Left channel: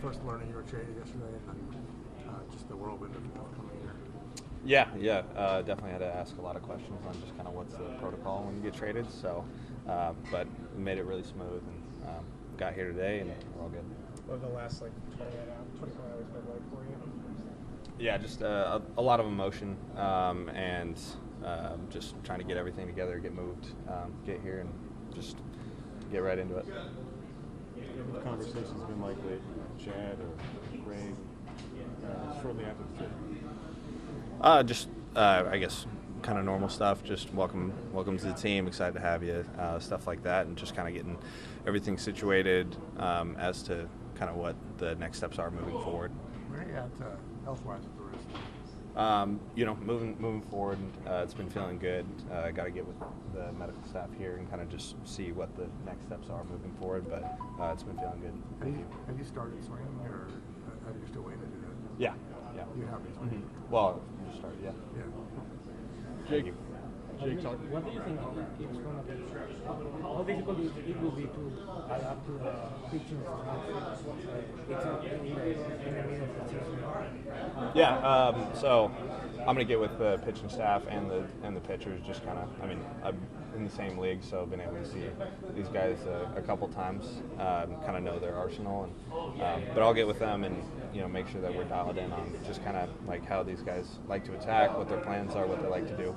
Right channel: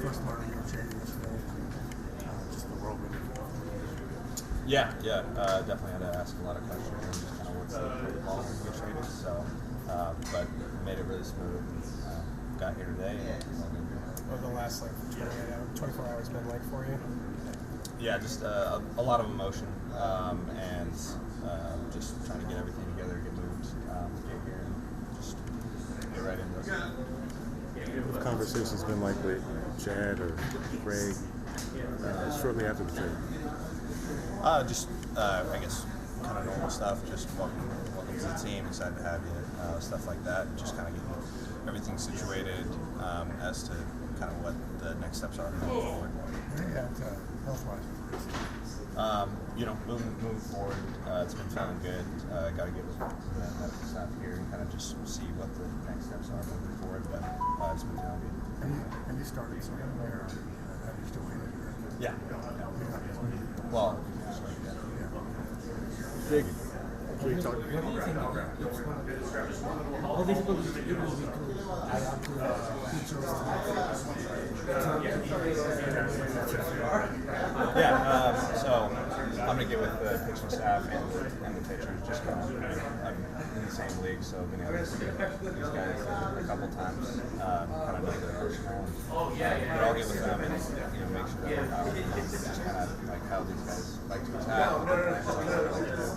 first learning you were traded yesterday? Just the whirlwind of it. Yeah. Definitely had to ask a lot of questions on just kind of what's the protocol when you get traded. So, but made it really smooth and got here today and it's all good. What the last 24 hours been like for you? Yeah, just a lot of emotion and just trying to get everything together, get moved, get here, and just get right into it. What the conversation's been like with Chad or Greg shortly after the trade? I guess kind of normal stuff. Just welcome to the team. Excited to have you. Stuff like that, and just kind of getting everything situated as to kind of what the next steps are moving forward. Where are you at health-wise with the race? Moving forward, it's been feeling good. Got to get with the medical staff here and kind of just see what the next steps are moving forward. But it's been feeling good. Have you started swinging, or are you still waiting? Yeah. You have. Mm-hmm. Well, started. Yeah. Thank you. What do you think it's going to be? How difficult it will be to tie up to the future? Yeah, so I'm gonna get with the pitching staff and the pitchers. Just kind of, I'm in the same league, so I've been able to see these guys a couple times, kind of know their arsenal, and but I'll get with them and make sure that we're dialed in, just kind of like how these guys like to attack, what their plans are, what they like to do.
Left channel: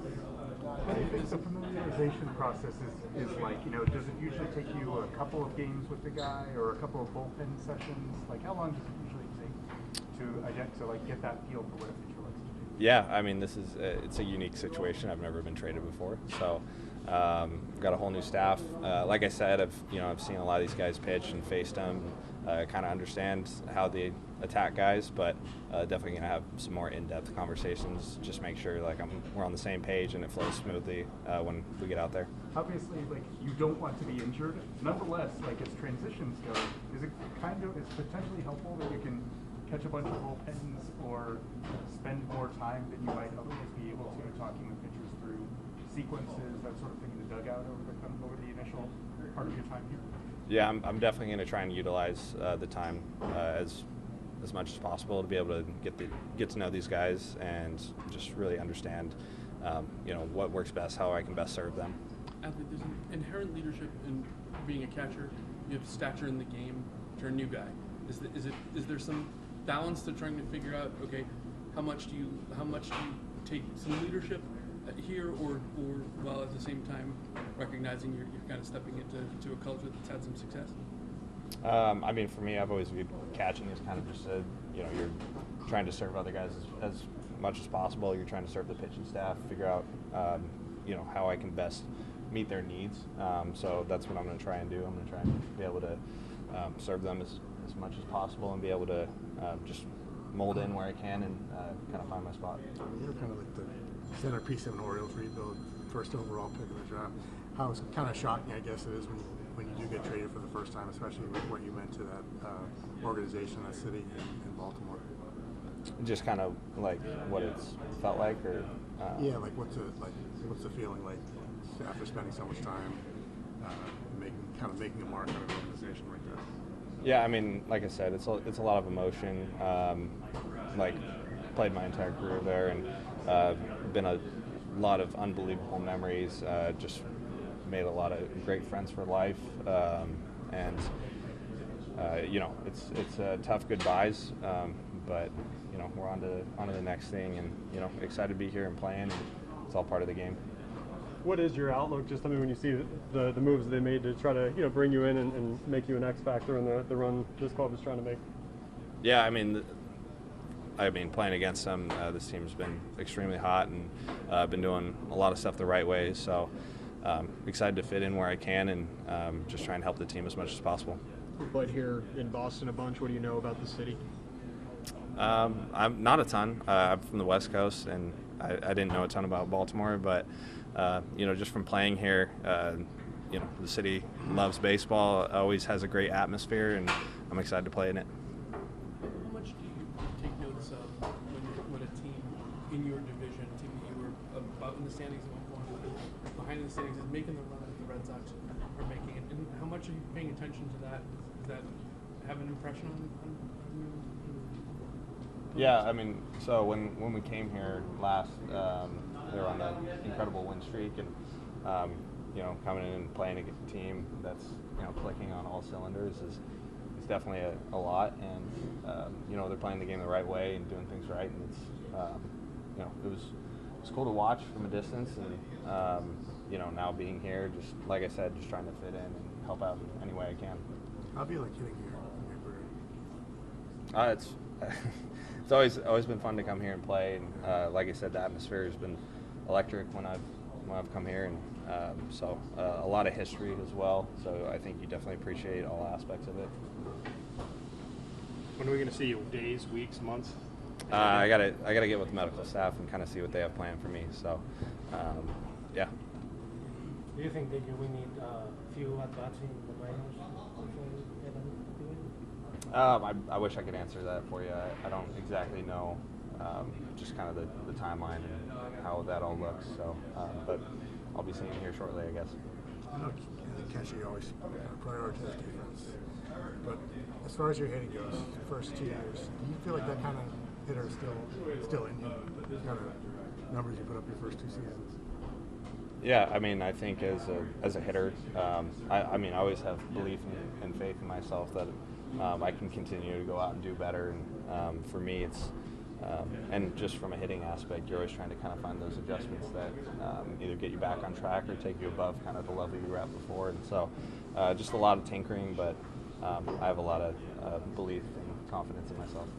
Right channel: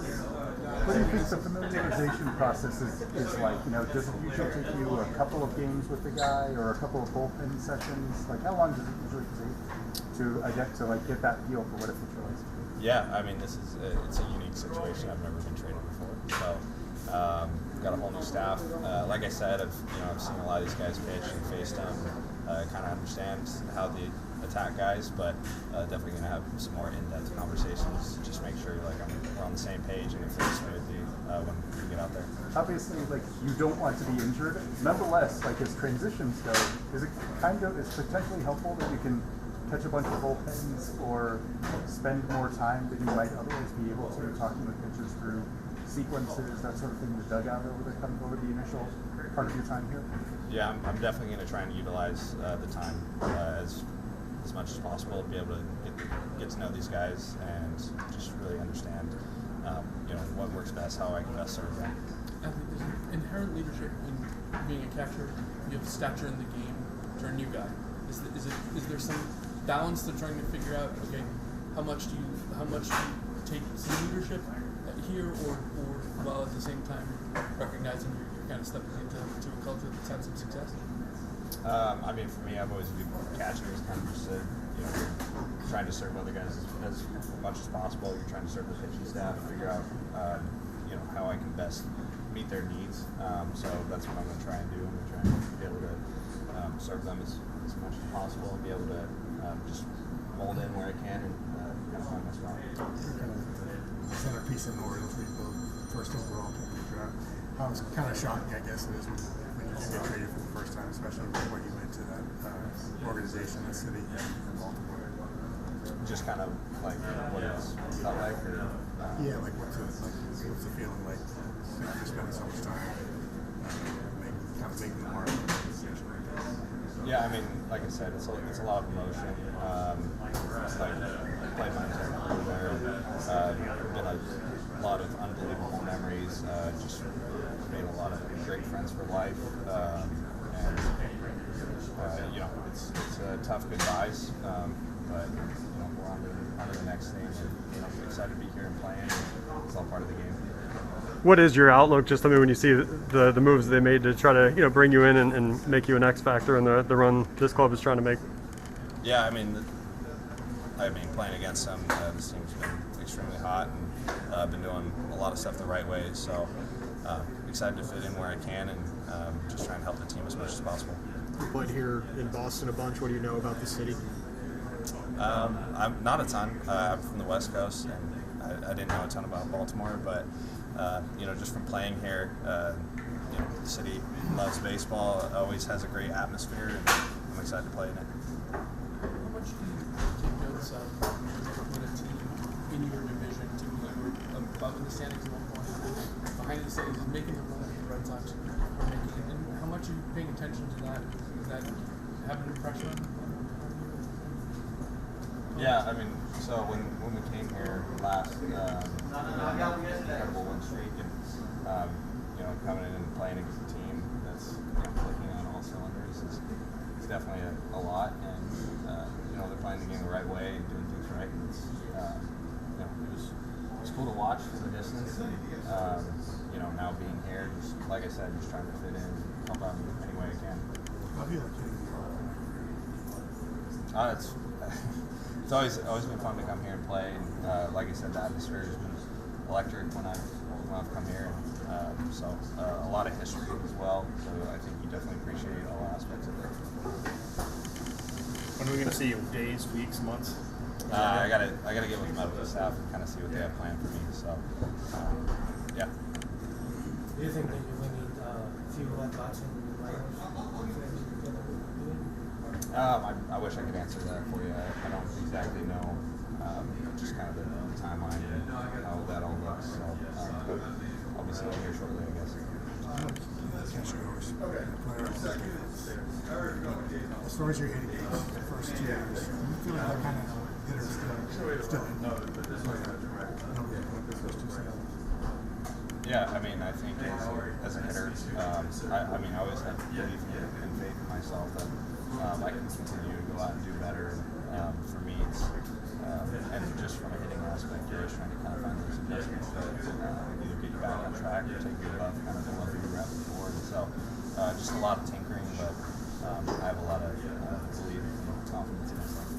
What do you think the familiarization process is like? Does it usually take you a couple of games with the guy or a couple of bullpen sessions? Like, how long does it usually take to get that feel for what a pitcher likes to do? Yeah, this is it's a unique situation. I've never been traded before, so got a whole new staff. Like I said, I've seen a lot of these guys pitch and faced them, kind of understand how they attack guys, but definitely gonna have some more in-depth conversations. Just make sure we're on the same page and it flows smoothly when we get out there. Obviously, you don't want to be injured. Nonetheless, as transitions go, is it it's potentially helpful that you can catch a bunch of bullpens or spend more time that you might otherwise be able to talking with pitchers through sequences, that sort of thing, in the dugout over the initial part of your time here? Yeah, I'm definitely going to try and utilize the time as much as possible to be able to get to know these guys and just really understand what works best, how I can best serve them. I think there's an inherent leadership in being a catcher. You have stature in the game for a new guy. Is there some balance to trying to figure out, okay, how much do you take some leadership here, or while at the same time recognizing you're kind of stepping into a culture that's had some success? For me, I've always viewed catching as kind of just you're trying to serve other guys as much as possible. You're trying to serve the pitching staff, figure out how I can best meet their needs. So that's what I'm going to try and do. I'm going to try and be able to serve them as much as possible and be able to just mold in where I can and kind of find my spot. You're kind of like the centerpiece of an Orioles rebuild, first overall pick in the draft. How kind of shocking, I guess, it is when you do get traded for the first time, especially with what you meant to that organization, that city, and Baltimore. Just kind of like what it's felt like, or what's the feeling like after spending so much time making the mark on an organization like that? Yeah, like I said, it's a lot of emotion. Played my entire career there, and been a lot of unbelievable memories. Just made a lot of great friends for life, and it's tough goodbyes, but we're on to the next thing, and excited to be here and playing. And it's all part of the game. What is your outlook, just when you see the moves they made to try to bring you in and make you an X factor in the run this club is trying to make? Yeah, playing against them, this team's been extremely hot, and I've been doing a lot of stuff the right way. So excited to fit in where I can, and just trying to help the team as much as possible. You played here in Boston a bunch. What do you know about the city? I'm not a ton. I'm from the West Coast, and I didn't know a ton about Baltimore, but just from playing here, the city loves baseball, always has a great atmosphere, and I'm excited to play in it. How much do you take notice of when a team in your division, team that you were above in the standings at one point, behind the standings, is making the run that the Red Sox are making it? And how much are you paying attention to that? Does that have an impression on you? Yeah, I mean, so when we came here last, we were on an incredible win streak, and coming in and playing against a team that's clicking on all cylinders is definitely a lot, and they're playing the game the right way and doing things right, and it's it was cool to watch from a distance, and now being here, just like I said, just trying to fit in and help out in any way I can. How do you like hitting the all? It's always been fun to come here and play, and like I said, the atmosphere has been electric when I've come here, and a lot of history as well. So I think you definitely appreciate all aspects of it. When are we going to see you? Days, weeks, months? I gotta get with the medical staff and kind of see what they have planned for me. So yeah. Do you think that you will need few at-bats in the minors? I wish I could answer that for you. I don't exactly know just kind of the timeline and how that all looks. So, but I'll be seeing him here shortly, I guess. Catcher, you always play our defense. But as far as your hitting goes, the first 2 years, do you feel like that kind of hitter is still in you? Kind of numbers you put up your first 2 seasons? Yeah, I mean, I think as a hitter, I always have belief and faith in myself that I can continue to go out and do better. And for me, it's and just from a hitting aspect, you're always trying to kind of find those adjustments that either get you back on track or take you above kind of the level you were at before. And so, just a lot of tinkering, but I have a lot of belief and confidence in myself.